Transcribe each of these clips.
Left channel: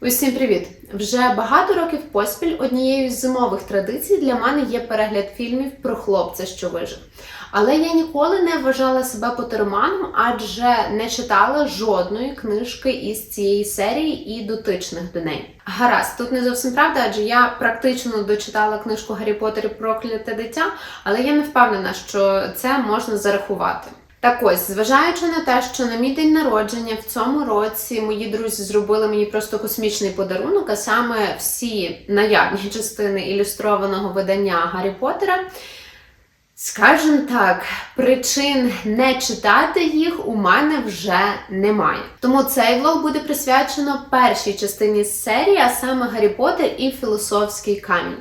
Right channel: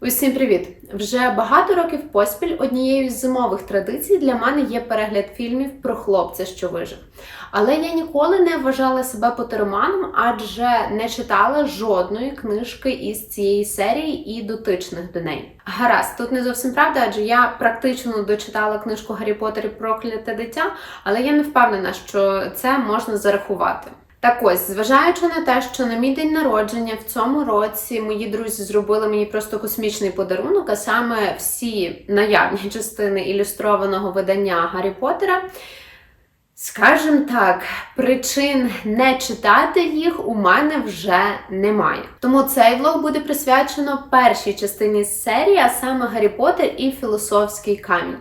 Усім привіт! Вже багато років поспіль однією з зимових традицій для мене є перегляд фільмів про хлопця, що вижив. Але я ніколи не вважала себе потероманом, адже не читала жодної книжки із цієї серії і дотичних до неї. Гаразд, тут не зовсім правда, адже я практично дочитала книжку Гаррі Поттер і Прокляте дитя, але я не впевнена, що це можна зарахувати. Так ось, зважаючи на те, що на мій день народження в цьому році мої друзі зробили мені просто космічний подарунок, а саме всі наявні частини ілюстрованого видання Гаррі Поттера, Скажем так, причин не читати їх у мене вже немає. Тому цей влог буде присвячено першій частині серії, а саме Гаррі Поттер і Філософський камінь.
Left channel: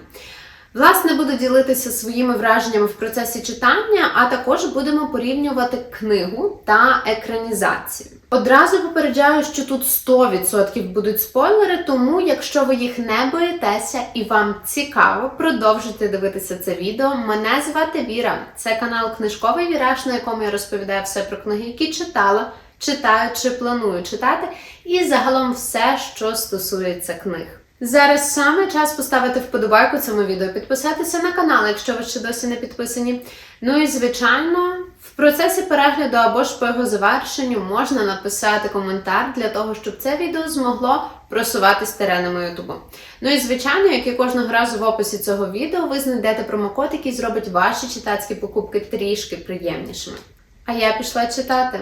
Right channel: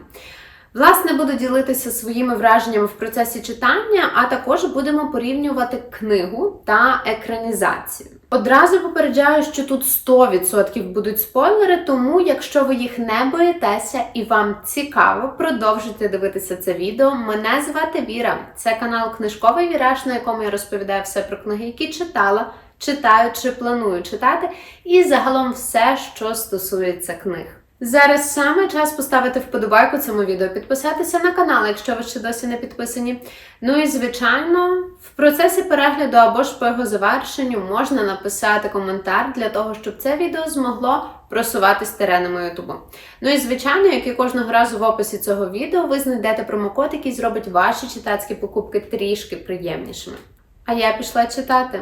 Власне, буду ділитися своїми враженнями в процесі читання, а також будемо порівнювати книгу та екранізацію. Одразу попереджаю, що тут 100% будуть спойлери, тому якщо ви їх не боїтеся і вам цікаво, продовжуйте дивитися це відео. Мене звати Віра. Це канал Книжковий Віраж, на якому я розповідаю все про книги, які читала, читаю чи планую читати, і загалом все, що стосується книг. Зараз саме час поставити вподобайку цьому відео, підписатися на канал, якщо ви ще досі не підписані. Ну і звичайно, в процесі перегляду або ж по його завершенню можна написати коментар для того, щоб це відео змогло просуватись теренами Ютубу. Ну і звичайно, як і кожного разу в описі цього відео, ви знайдете промокод, який зробить ваші читацькі покупки трішки приємнішими. А я пішла читати.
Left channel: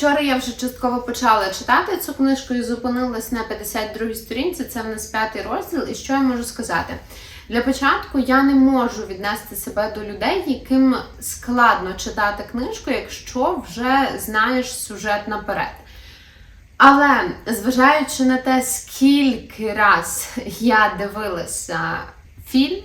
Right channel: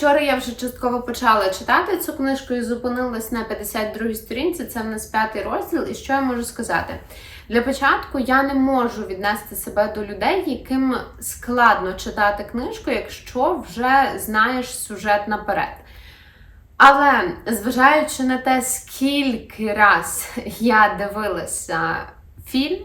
Вчора я вже частково почала читати цю книжку і зупинилась на 52-й сторінці. Це в нас п'ятий розділ. І що я можу сказати? Для початку я не можу віднести себе до людей, яким складно читати книжку, якщо вже знаєш сюжет наперед. Але зважаючи на те, скільки раз я дивилася фільм,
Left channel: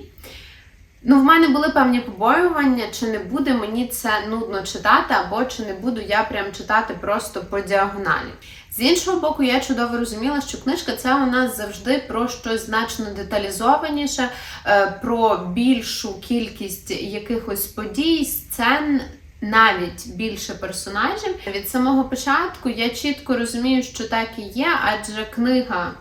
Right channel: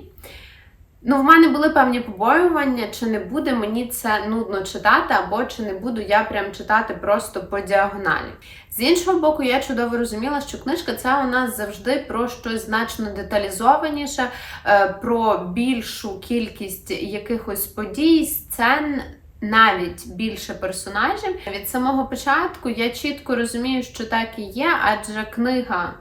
Ну, в мене були певні побоювання, чи не буде мені це нудно читати, або чи не буду я прям читати просто по діагоналі. З іншого боку, я чудово розуміла, що книжка це у нас завжди про щось значно деталізованіше, е, про більшу кількість якихось подій, сцен. Навіть більше персонажів від самого початку я чітко розумію, що так і є, адже книга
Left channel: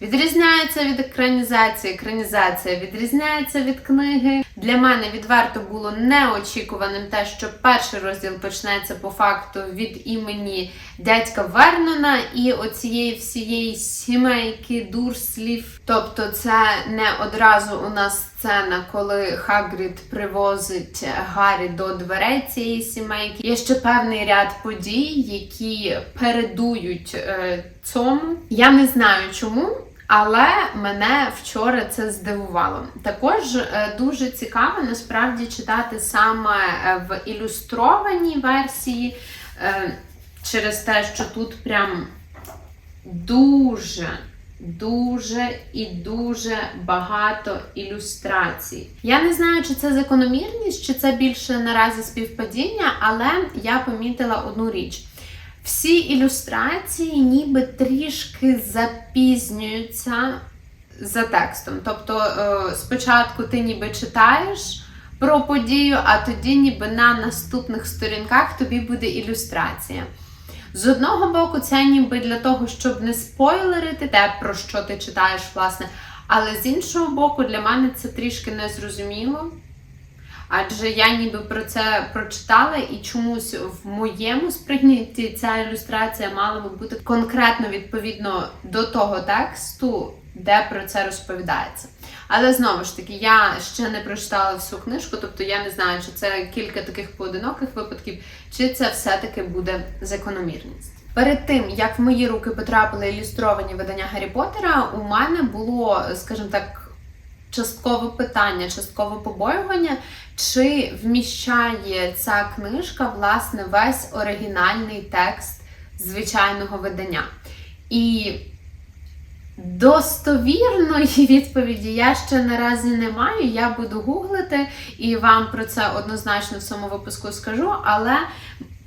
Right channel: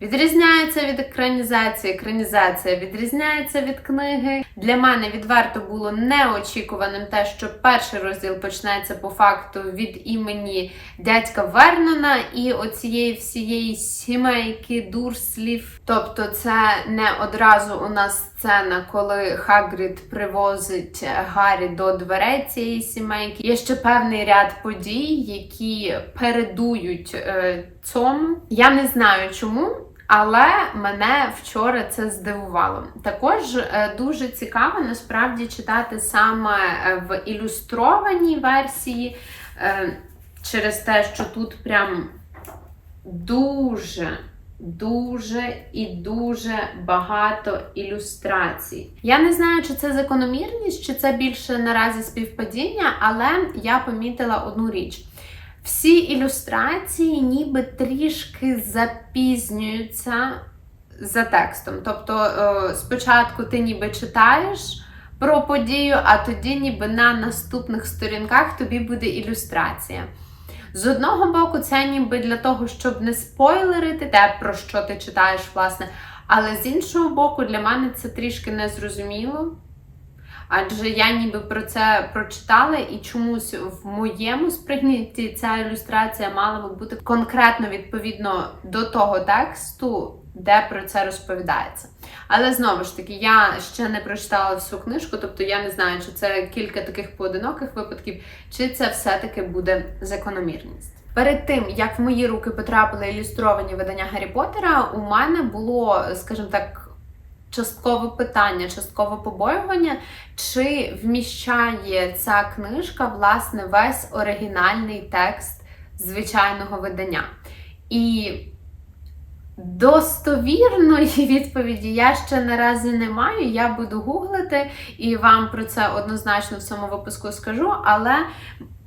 Відрізняється від екранізації, екранізація відрізняється від книги. Для мене відверто було неочікуваним те, що перший розділ почнеться по факту від імені дядька Вернона і оцієї всієї сімейки дурслів. Тобто, це не одразу у нас сцена, коли Хагрід привозить Гаррі до дверей цієї сімейки. Є ще певний ряд подій, які передують е, цьому. Я не знаю чому. Але мене вчора це здивувало. Також е, дуже цікаво насправді читати саме е, в ілюстрованій версії, е, через те, що тут прям дуже. Дуже і дуже багато ілюстрацій. Я не знаю, чи це закономірність, чи це більше наразі співпадіння, але я помітила одну річ. Всі ілюстрації ніби трішки запізнюються за текстом. Тобто е, спочатку ти ніби читаєш про подію, а тоді ніби на наступних сторінках тобі буде ілюстрація. З одного боку, це ніби для того, щоб не спойлерити те, про що ти читаєш, власне. Але з іншого боку, для мене це трішки незрозуміло. Адже я ніби про це прочитала, і чомусь в моєму сприйнятті ця ілюстрація мала би бути конкретно відповідно до того тексту, де про це розповідається. Але знову ж таки, я ще не прочитала всю книжку, тобто я не знаю, чи це кілька таких поодиноких випадків, чи це все-таки буде закономірність. Перед тим як в мої руки потрапили ілюстровані видання Гаррі Поттера, у мене було, скажімо так, часткове питання, часткове побоювання, чи вміщає ця книжка власне весь оригінальний текст звичайного видання. І достовірної відповіді я ще наразі не маю. Я буду гуглити і вам про це однозначно в цьому випуску скажу, але.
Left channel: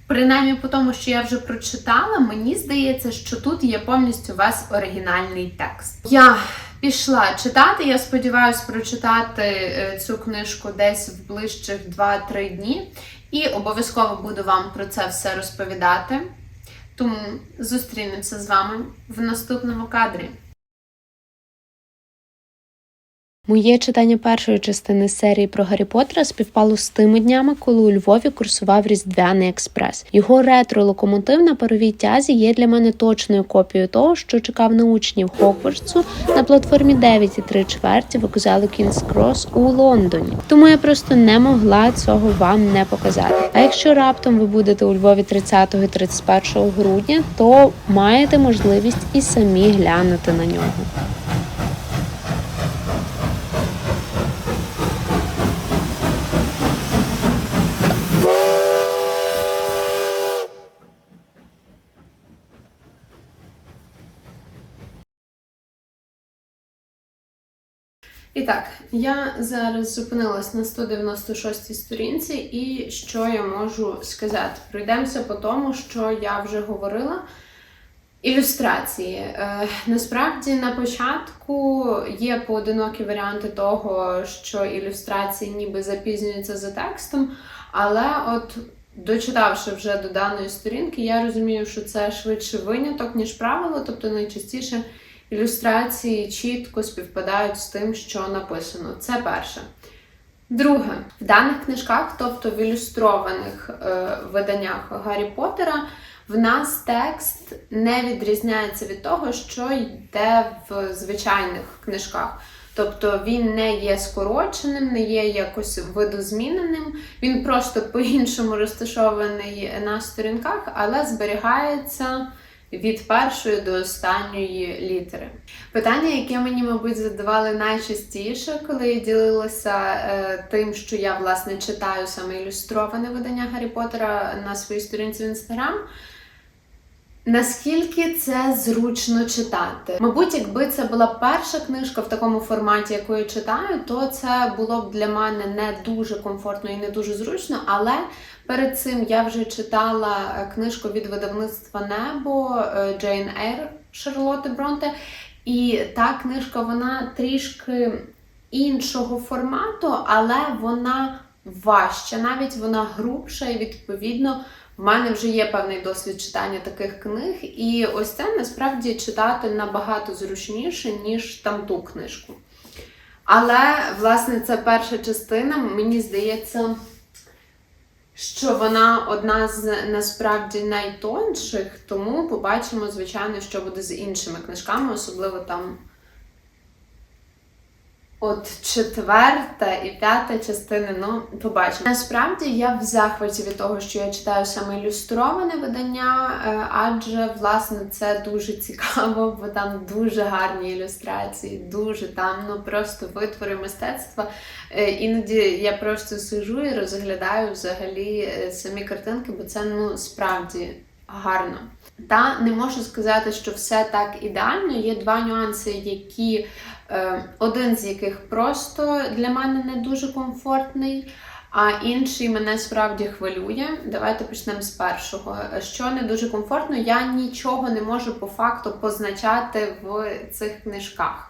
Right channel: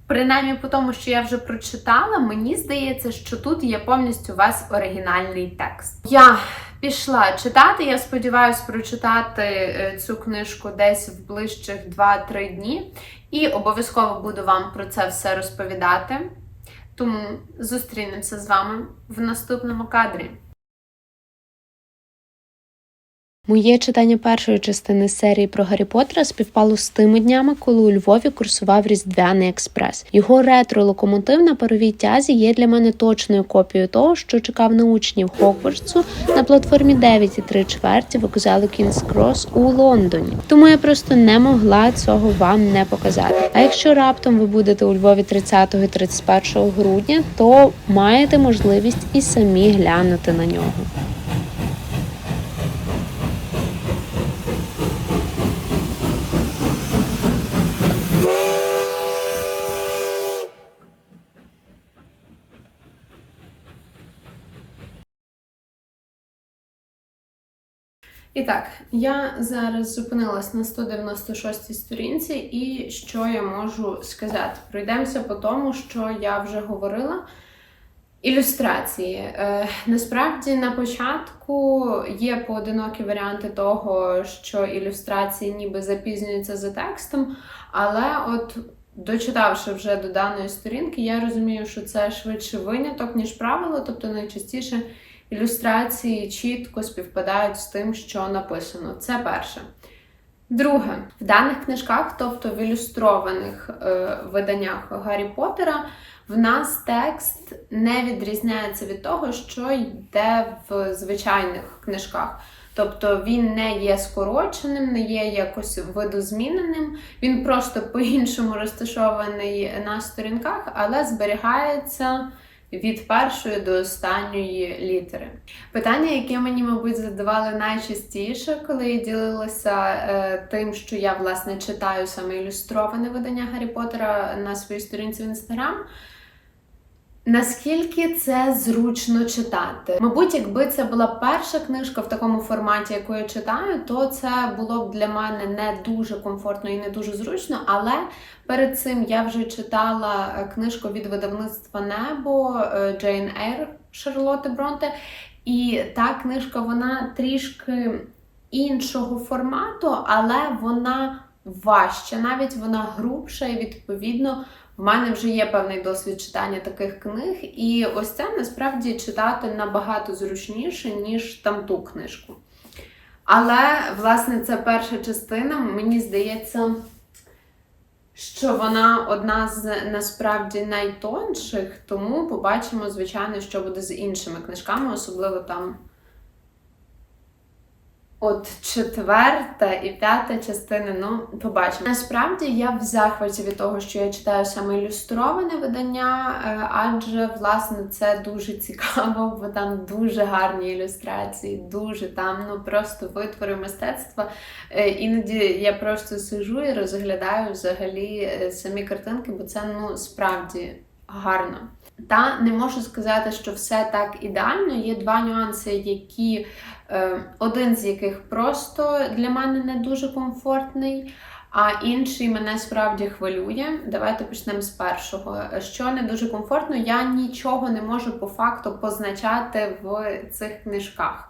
Принаймні, по тому, що я вже прочитала, мені здається, що тут є повністю весь оригінальний текст. Я пішла читати. Я сподіваюся прочитати е, цю книжку десь в ближчих 2-3 дні, і обов'язково буду вам про це все розповідати. Тому зустрінемося з вами в наступному кадрі. Моє читання першої частини серії про Гаррі Поттера співпало з тими днями, коли у Львові курсував Різдвяний експрес. Його ретро-локомотив на паровій тязі є для мене точною копією того, що чекав на учнів Хогвартсу на платформі 9,3 чверті вокзалу Кінс Крос у Лондоні. Тому я просто не могла цього вам не показати. А якщо раптом ви будете у Львові 30 і 31 грудня, то маєте можливість і самі глянути на нього. І так, я зараз зупинилась на 196 сторінці, і що я можу сказати? Пройдемося по тому, що я вже говорила. Ілюстрації. Е, насправді на початку є поодинокі варіанти того, що ілюстрації ніби запізнюються за текстом, але от дочитавши вже до даної сторінки, я розумію, що це швидше виняток, ніж правило, тобто найчастіше ілюстрації чітко співпадають з тим, що написано. Це перше. Друге, в даних книжках, тобто в ілюстрованих е, виданнях Гаррі Поттера, в нас текст не відрізняється від того, що йде в звичайних книжках. Тобто він не є скороченим, не є якось видозміненим, він просто по-іншому розташований на сторінках, але зберігається від першої до останньої літери. Питання, яке мені, мабуть, задавали найчастіше, коли я ділилася е, тим, що я власне читаю саме ілюстроване видання Гаррі Поттера на своїй сторінці в інстаграм. Наскільки це зручно читати? Мабуть, якби це була перша книжка в такому форматі, яку я читаю, то це було б для мене не дуже комфортно і не дуже зручно. Але перед цим я вже читала е, книжку від видавництва Небо е, Джейн Ейр Шарлотти Бронте. І та книжка вона трішки іншого формату, але вона важча, навіть вона грубша і відповідно. В мене вже є певний досвід читання таких книг, і ось це насправді читати набагато зручніше, ніж там ту книжку. Але, власне, це перша частина, мені здається, що вона одна з насправді найтонших, тому побачимо, звичайно, що буде з іншими книжками, особливо там. От четверта і п'ята частини, ну, побачимо. Насправді я в захваті від того, що я читаю саме ілюстроване видання, е, адже, власне, це дуже цікаво, бо там дуже гарні ілюстрації, дуже там, ну просто витвори мистецтва. Е, Іноді я просто сижу і розглядаю взагалі е, самі картинки, бо це ну справді гарно. Та не можу сказати, що все так ідеально. Є два нюанси, які. Е, один з яких просто для мене не дуже комфортний. А інший мене справді хвилює. Давайте почнемо з першого. Що не дуже комфортно, я нічого не можу по факту позначати в цих книжках.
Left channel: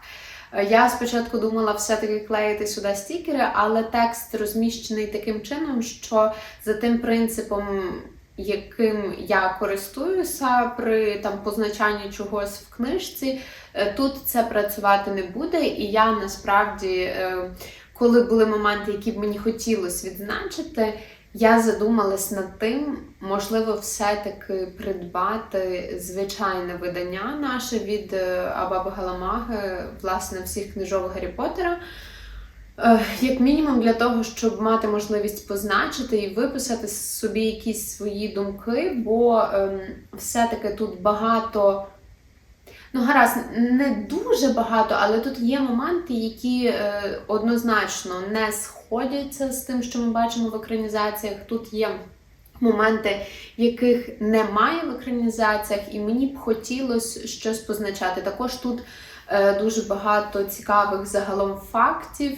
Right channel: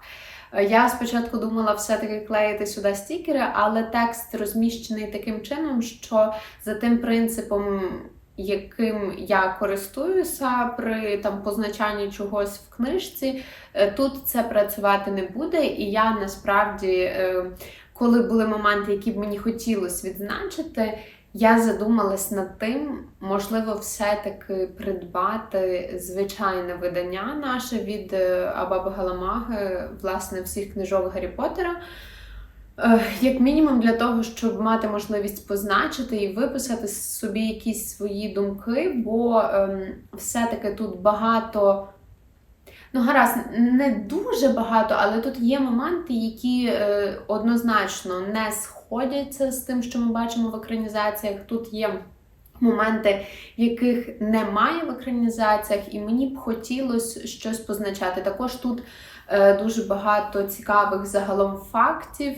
Я спочатку думала все-таки клеїти сюди стікери, але текст розміщений таким чином, що за тим принципом, яким я користуюся при там позначанні чогось в книжці, е, тут це працювати не буде. І я насправді, е, коли були моменти, які б мені хотілося відзначити, я задумалась над тим, можливо, все-таки придбати звичайне видання наше від е, Абаби Галамаги, власне, всіх книжок Гаррі Поттера. Як мінімум для того, щоб мати можливість позначити і виписати собі якісь свої думки, бо ем, все-таки тут багато. Ну, гаразд, не дуже багато, але тут є моменти, які е, однозначно не сходяться з тим, що ми бачимо в екранізаціях. Тут є моменти, яких немає в екранізаціях, і мені б хотілося щось позначати. Також тут дуже багато цікавих загалом фактів.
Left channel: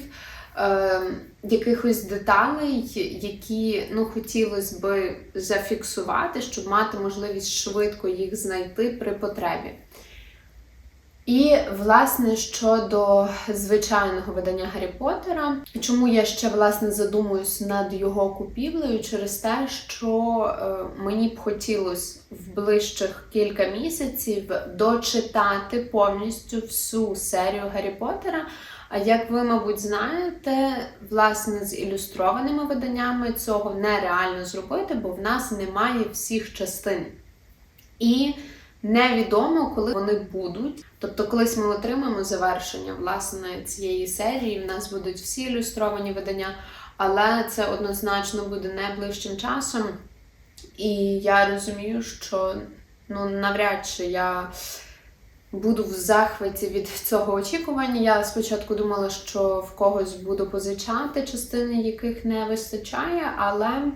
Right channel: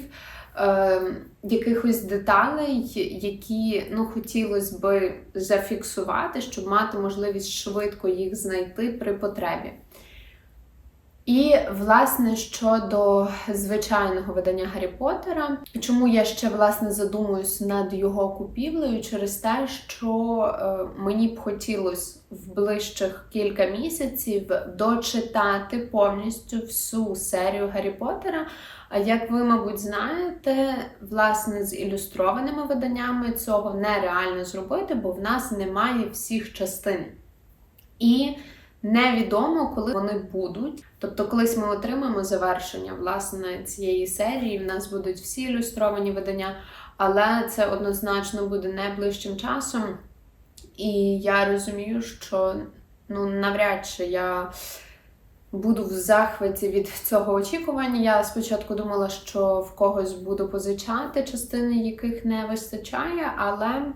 Е, якихось деталей, які ну, хотілося би зафіксувати, щоб мати можливість швидко їх знайти при потребі. І, власне, щодо звичайного видання Гаррі Поттера, чому я ще власне задумуюсь над його купівлею через те, що е, мені б хотілося в ближчих кілька місяців дочитати повністю всю серію Гаррі Поттера. А як ви, мабуть, знаєте, власне, з ілюстрованими виданнями цього нереально зробити, бо в нас немає всіх частин. І Невідомо, коли вони будуть. Тобто, колись ми отримаємо завершення власне цієї серії. В нас будуть всі ілюстровані видання, але це однозначно буде найближчим часом. І я розумію, що ну навряд чи я буду в захваті від цього очікування. Я спочатку думала, що в когось буду позичати частини, яких не вистачає, але.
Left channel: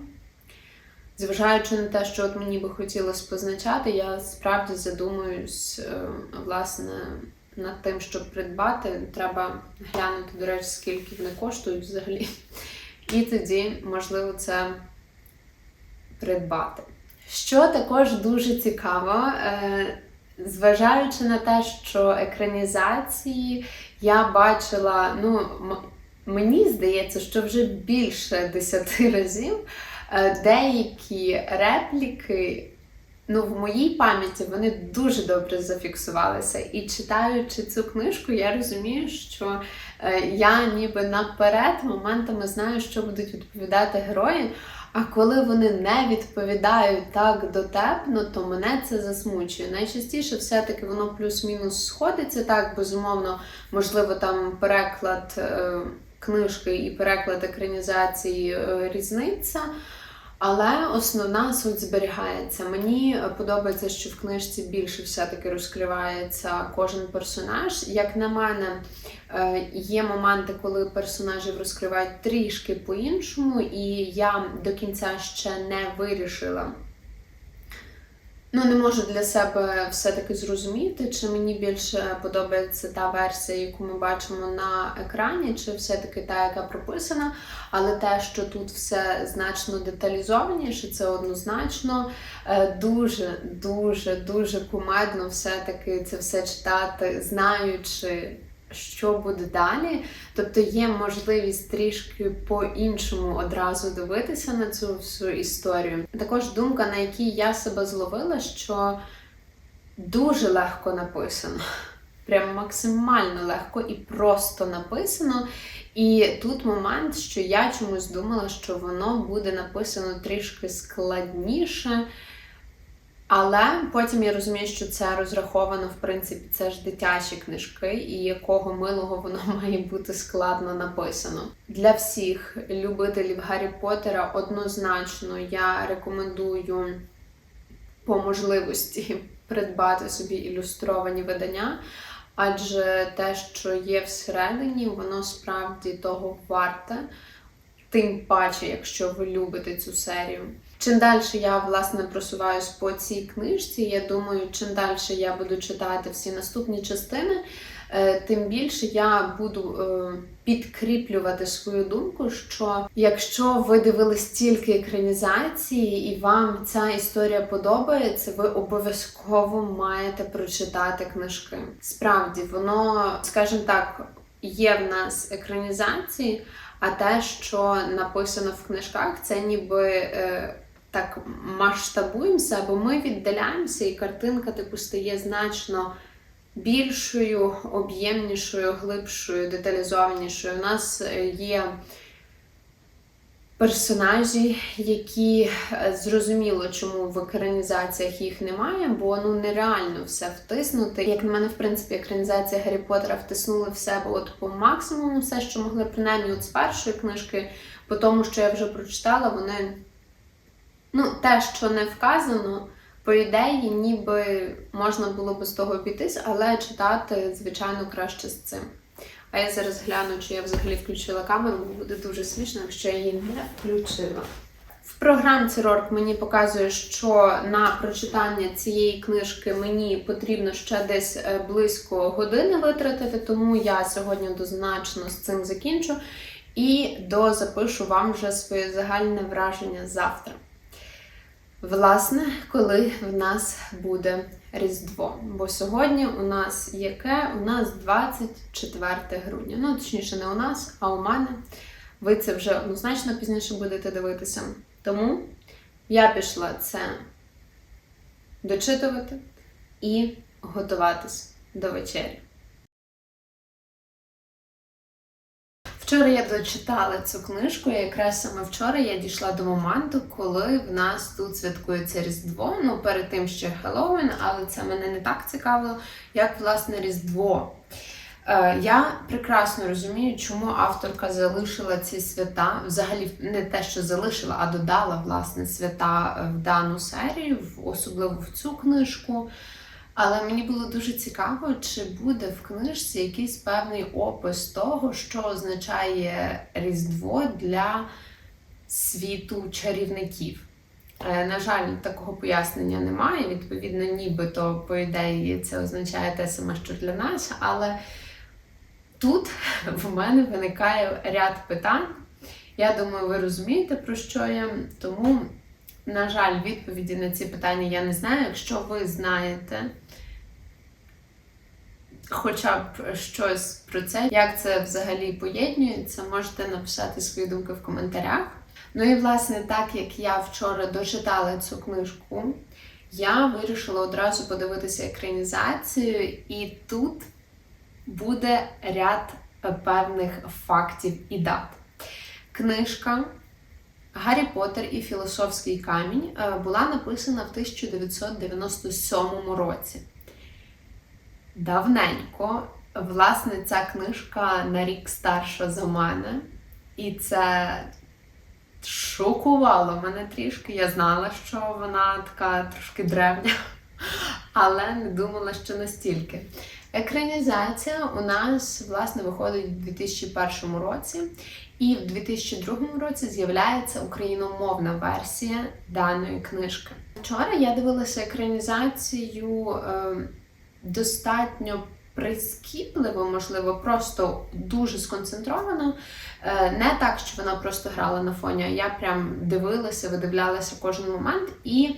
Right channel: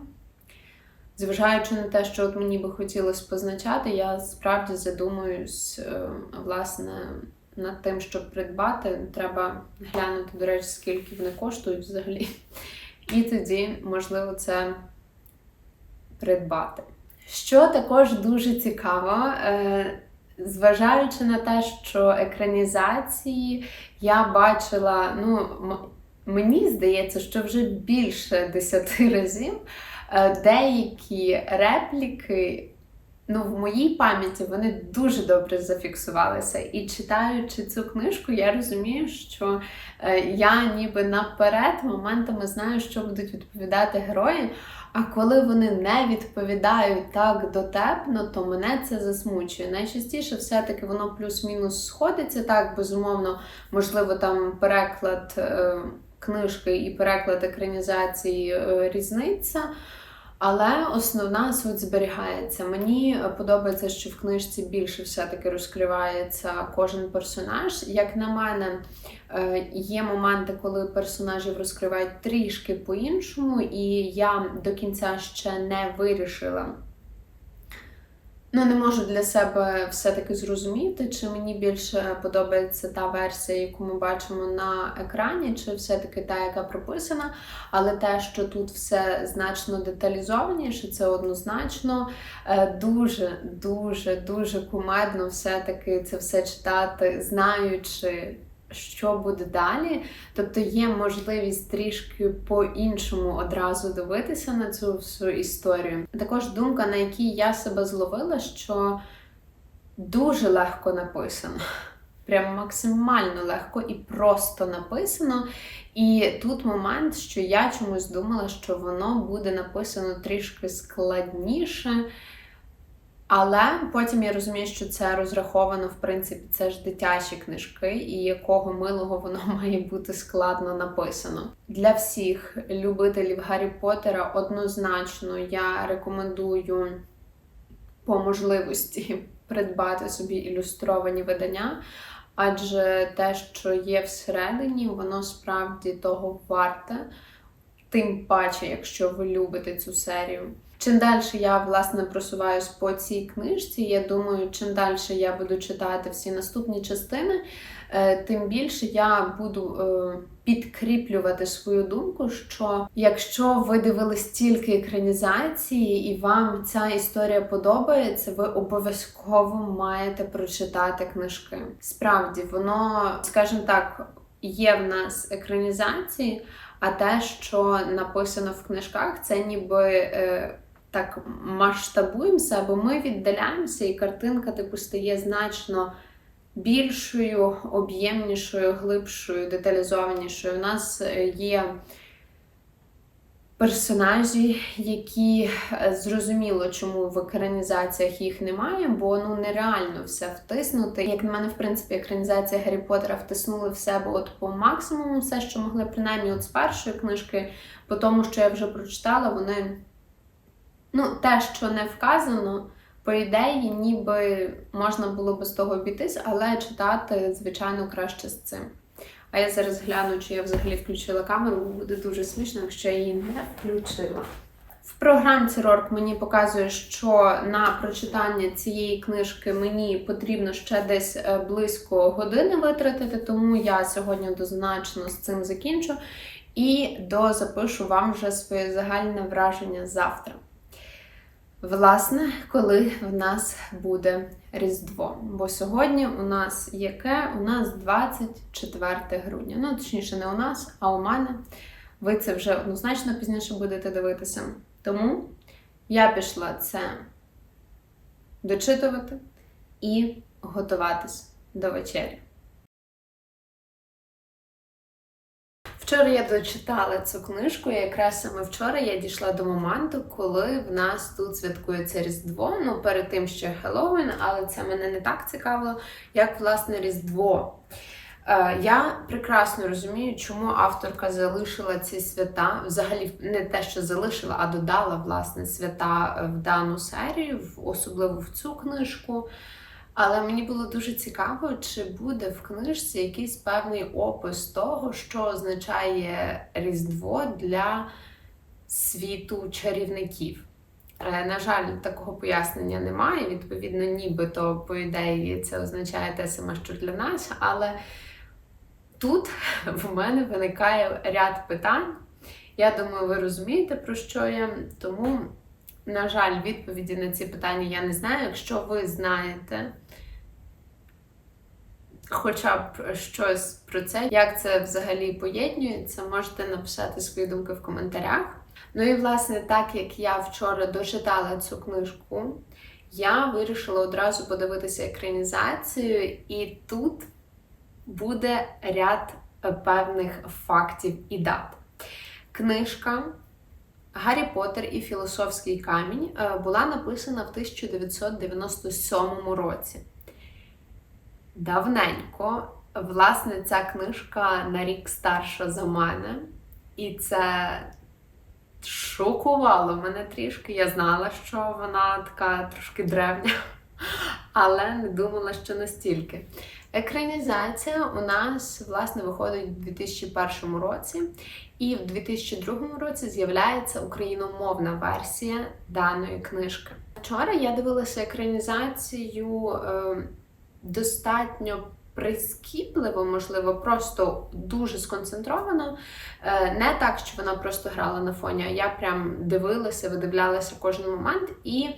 Зважаючи на те, що от мені би хотілося позначати, я справді задумуюсь е, власне над тим, щоб придбати. Треба глянути, до речі, скільки вони коштують взагалі. І тоді, можливо, це придбати. Що також дуже цікаво, е, зважаючи на те, що екранізації я бачила, ну, мені здається, що вже більше десяти разів. Е, деякі репліки, ну, в моїй пам'яті вони дуже добре зафіксувалися. І читаючи цю книжку, я розумію, що е, я ніби наперед моментами знаю, що будуть відповідати герої. А коли вони не відповідають так дотепно, то мене це засмучує. Найчастіше все-таки воно плюс-мінус сходиться. Так, безумовно, можливо, там переклад. Книжки і переклад екранізації е, різниця. Але основна суть зберігається. Мені подобається, що в книжці більше все-таки розкривається кожен персонаж. Як на мене, е, є моменти, коли персонажів розкривають трішки по-іншому, і я до кінця ще не вирішила. Ну, не можу для себе все-таки зрозуміти, чи мені більше подобається та версія, яку ми бачимо на екрані, чи все-таки та, яка прописана. Але те, що тут все значно деталізованіше, це однозначно дуже, дуже, дуже кумедно все-таки це все читати, знаючи що буде далі. Тобто є можливість трішки по-іншому одразу дивитися на цю всю історію. Також думка, на якій я себе зловила, що дуже легко написано. Прямо максимально легко і просто написано. І тут момент, що я чомусь думала, що воно буде написано трішки складніше. Але потім я розумію, що це розраховано, в принципі, це ж дитячі книжки, і якого милого воно має бути складно написано. Для всіх любителів Гаррі Поттера однозначно я рекомендую по можливості придбати собі ілюстровані видання, адже те, що є всередині, воно справді того варте, тим паче, якщо ви любите цю серію. Чим далі я власне просуваюсь по цій книжці, я думаю, чим далі я буду читати всі наступні частини, е, тим більше я буду е, підкріплювати свою думку, що якщо ви дивились тільки екранізації і вам ця історія подобається, ви обов'язково маєте прочитати книжки. Справді, воно, скажімо так, є в нас екранізації, а те, що написано в книжках, це ніби. е, так масштабуємося, бо ми віддаляємося, і картинка типу стає значно більшою, об'ємнішою, глибшою, деталізованішою. У нас е, є персонажі, які е, зрозуміло, чому в екранізаціях їх немає, бо ну нереально все втиснути. Як на мене, в принципі, екранізація Гаррі Поттера втиснули в себе от по максимуму все, що могли, принаймні, от з першої книжки, по тому, що я вже прочитала, вони. Ну, те, що не вказано, по ідеї, ніби можна було би з того обійтись, але читати, звичайно, краще з цим. А я зараз гляну, чи я взагалі включила камеру, бо буде дуже смішно, якщо я її не включила. В програмці Рорк мені показує, що на прочитання цієї книжки мені потрібно ще десь е, близько години витратити, тому я сьогодні однозначно з цим закінчу і дозапишу вам вже своє загальне враження завтра. Власне, коли в нас буде Різдво. Бо сьогодні у нас яке? У нас 24 грудня. Ну, точніше, не у нас, а у мене. Ви це вже однозначно пізніше будете дивитися. Тому я пішла це дочитувати і готуватись до вечері. Вчора я дочитала цю книжку, і якраз саме вчора я дійшла до моменту, коли в нас тут святкується Різдво. Ну, перед тим ще Хеллоуін, але це мене не так цікавило, як власне Різдво. Е, Я прекрасно розумію, чому авторка залишила ці свята, взагалі не те, що залишила, а додала власне свята в дану серію, особливо в цю книжку. Але мені було дуже цікаво, чи буде в книжці якийсь певний опис того, що означає Різдво для світу чарівників. Е, На жаль, такого пояснення немає. Відповідно, нібито, по ідеї, це означає те саме, що для нас. Але тут в мене виникає ряд питань. Я думаю, ви розумієте, про що я. Тому, на жаль, відповіді на ці питання я не знаю. Якщо ви знаєте хоча б щось про це, як це взагалі поєднується, можете написати свої думки в коментарях. Ну і власне, так як я вчора дочитала цю книжку, я вирішила одразу подивитися екранізацію, і тут буде ряд певних фактів і дат. Книжка Гаррі Поттер і Філософський камінь е, була написана в 1997 році. Давненько, власне, ця книжка на рік старша за мене, і це шокувало мене трішки. Я знала, що вона така трошки древня, але не думала, що настільки. Екранізація у нас власне виходить у 2001 році, і в 2002 році з'являється україномовна версія даної книжки. Вчора я дивилася екранізацію е, достатньо прискіпливо, можливо, просто дуже сконцентровано. Е, не так, що вона просто грала на фоні, а я прям дивилася, видивлялася кожен момент. І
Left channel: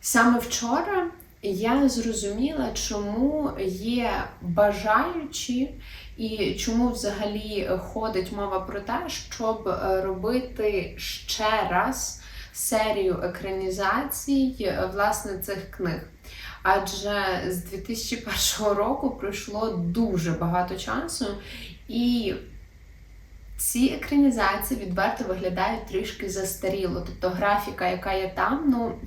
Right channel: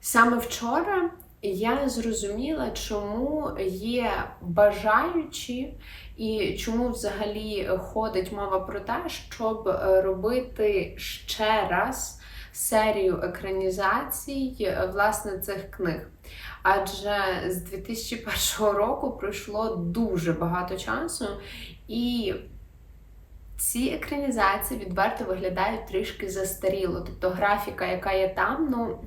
саме вчора я зрозуміла, чому є бажаючі, і чому взагалі ходить мова про те, щоб е, робити ще раз серію екранізацій е, власне цих книг. Адже з 2001 року пройшло дуже багато часу, і ці екранізації відверто виглядають трішки застаріло. Тобто графіка, яка є там, ну.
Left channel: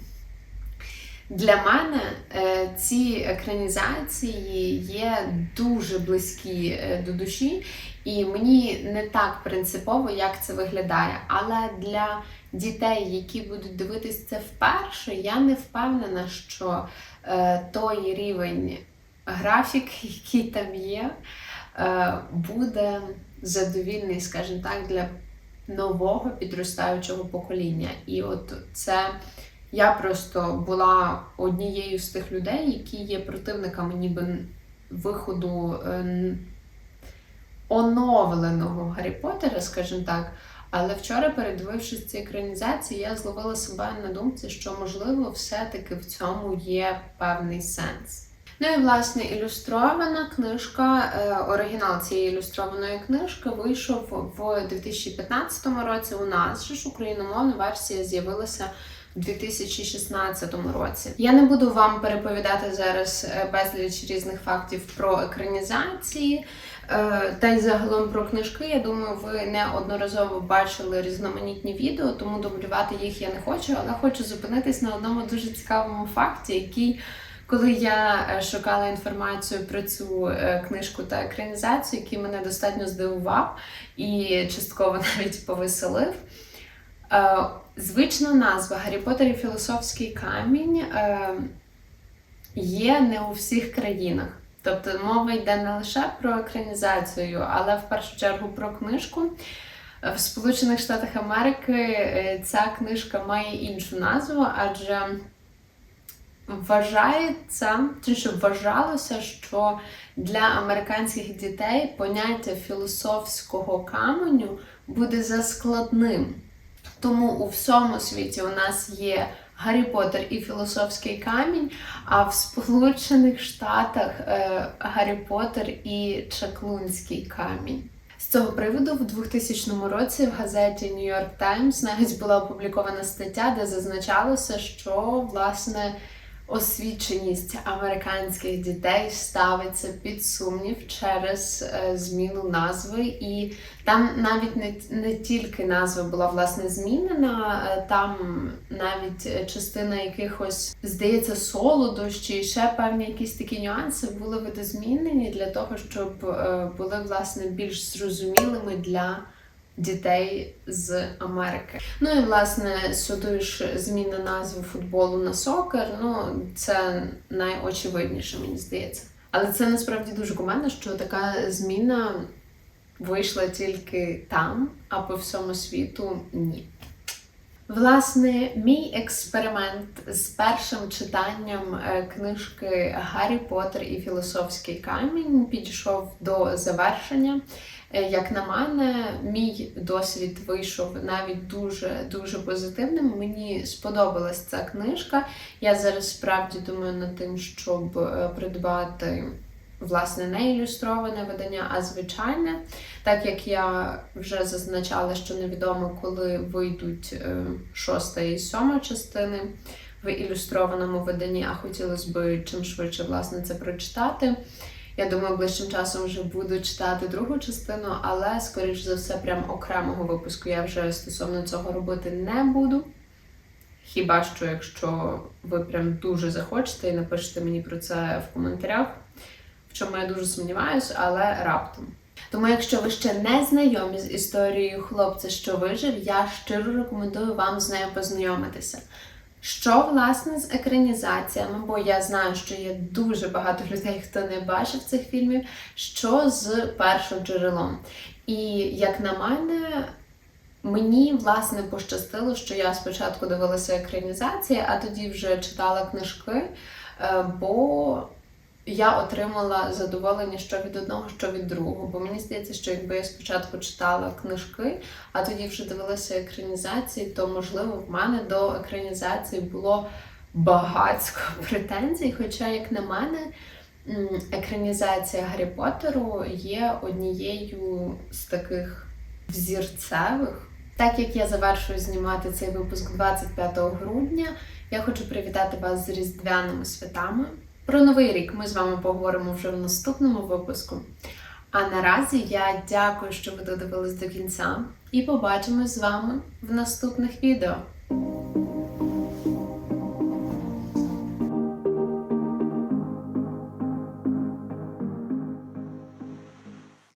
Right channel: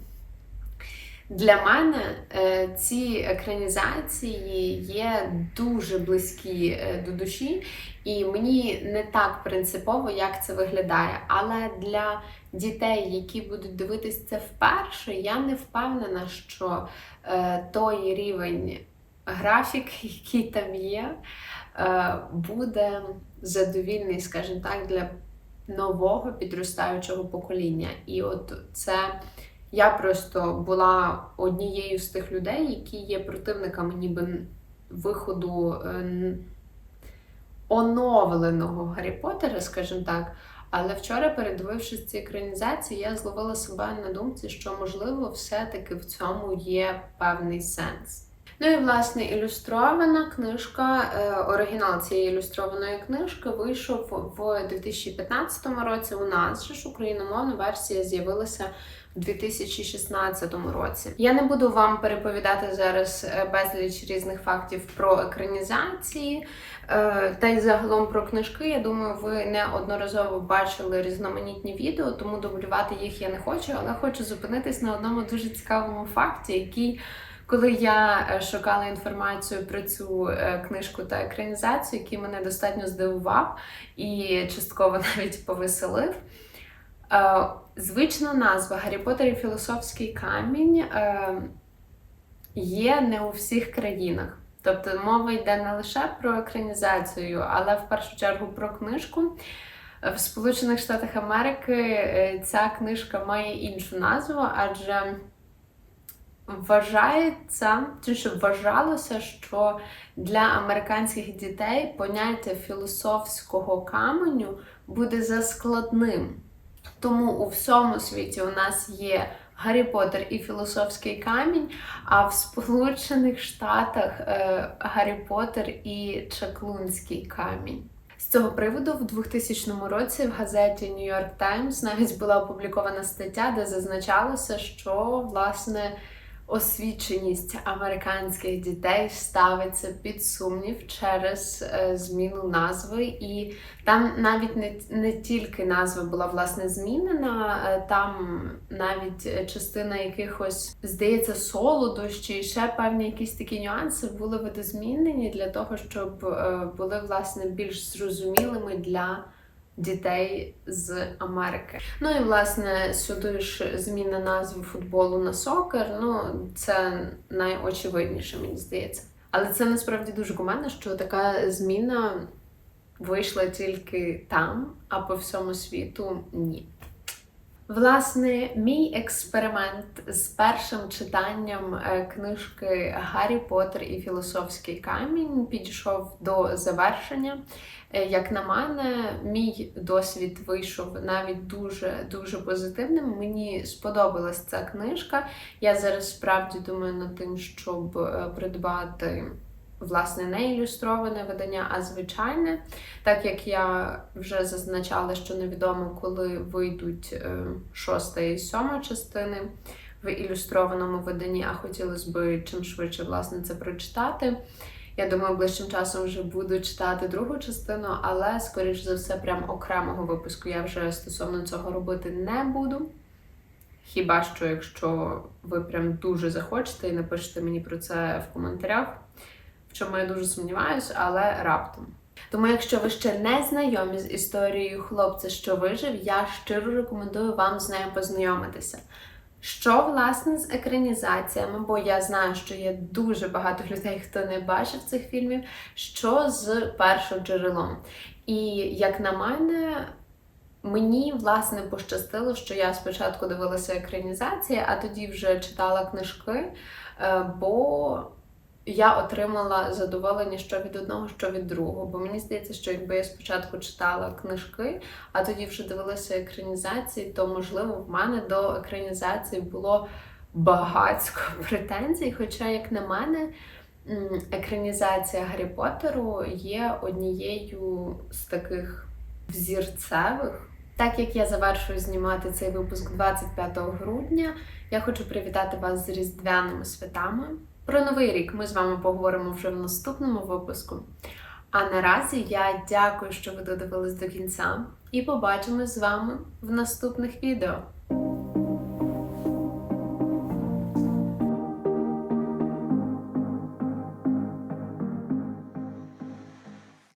Для мене е, ці екранізації є дуже близькі е, до душі, і мені не так принципово, як це виглядає. Але для дітей, які будуть дивитись це вперше, я не впевнена, що е, той рівень графік, який там є, буде задовільний, скажімо так, для нового підростаючого покоління. І от це я просто була однією з тих людей, які є противниками ніби виходу е, оновленого Гаррі Поттера, скажімо так. Але вчора, передивившись ці екранізації, я зловила себе на думці, що можливо все-таки в цьому є певний сенс. Ну і власне ілюстрована книжка, е, оригінал цієї ілюстрованої книжки вийшов в 2015 році. У нас ж україномовна версія з'явилася у 2016 році. Я не буду вам переповідати зараз е, безліч різних фактів про екранізації. Е, Та й загалом про книжки, я думаю, ви неодноразово бачили різноманітні відео, тому дублювати їх я не хочу, але хочу зупинитись на одному дуже цікавому факті, який, коли я е, шукала інформацію про цю книжку та екранізацію, який мене достатньо здивував і частково навіть повеселив. Е, Звична назва Гаррі Поттер і Філософський камінь е, є не у всіх країнах. Тобто мова йде не лише про екранізацію, але в першу чергу про книжку. В Сполучених Штатах Америки е, ця книжка має іншу назву, адже вважається, чи що вважалося, що для американських дітей поняття філософського каменю буде заскладним. Тому у всьому світі у нас є Гаррі Поттер і Філософський камінь, а в Сполучених Штатах е, Гаррі Поттер і Чаклунський камінь. З цього приводу в 2000 році в газеті New York Times навіть була опублікована стаття, де зазначалося, що власне освіченість американських дітей ставиться під сумнів через е, зміну назви, і там навіть не, не тільки назва була власне змінена, е, там навіть е, частина якихось, здається, солодощі, ще певні якісь такі нюанси були видозмінені для того, щоб були власне більш зрозумілими для дітей з Америки. Ну і власне сюди ж зміна назви футболу на сокер. Ну це найочевидніше, мені здається. Але це насправді дуже кумедно, що така зміна вийшла тільки там, а по всьому світу ні. Власне, мій експеримент з першим читанням е, книжки Гаррі Поттер і Філософський камінь підійшов до завершення. Е, Як на мене, мій досвід вийшов навіть дуже дуже позитивним. Мені сподобалась ця книжка. Я зараз справді думаю над тим, щоб е, придбати власне не ілюстроване видання, а звичайне. Так як я вже зазначала, що невідомо, коли вийдуть е, шоста і сьома частини в ілюстрованому виданні, а хотілося б чим швидше власне це прочитати. Я думаю, ближчим часом вже буду читати другу частину, але, скоріш за все, прям окремого випуску я вже стосовно цього робити не буду. Хіба що, якщо ви прям дуже захочете і напишете мені про це в коментарях, в чому я дуже сумніваюся, але раптом. Тому, якщо ви ще не знайомі з історією хлопця, що вижив, я щиро рекомендую вам з нею познайомитися. Що власне з екранізаціями, бо я знаю, що є дуже багато людей, хто не бачив цих фільмів, що з першим джерелом. І як на мене, мені власне пощастило, що я спочатку дивилася екранізації, а тоді вже читала книжки, е, бо я отримала задоволення що від одного, що від другого. Бо мені здається, що якби я спочатку читала книжки, а тоді вже дивилася екранізації, то можливо в мене до екранізації було багатько претензій. Хоча, як на мене, екранізація Гаррі Поттеру є однією з таких взірцевих. Так як я завершую знімати цей випуск 25 грудня, я хочу привітати вас з різдвяними святами. Про новий рік ми з вами поговоримо вже в наступному випуску. А наразі я дякую, що ви додивились до кінця, і побачимось з вами в наступних відео.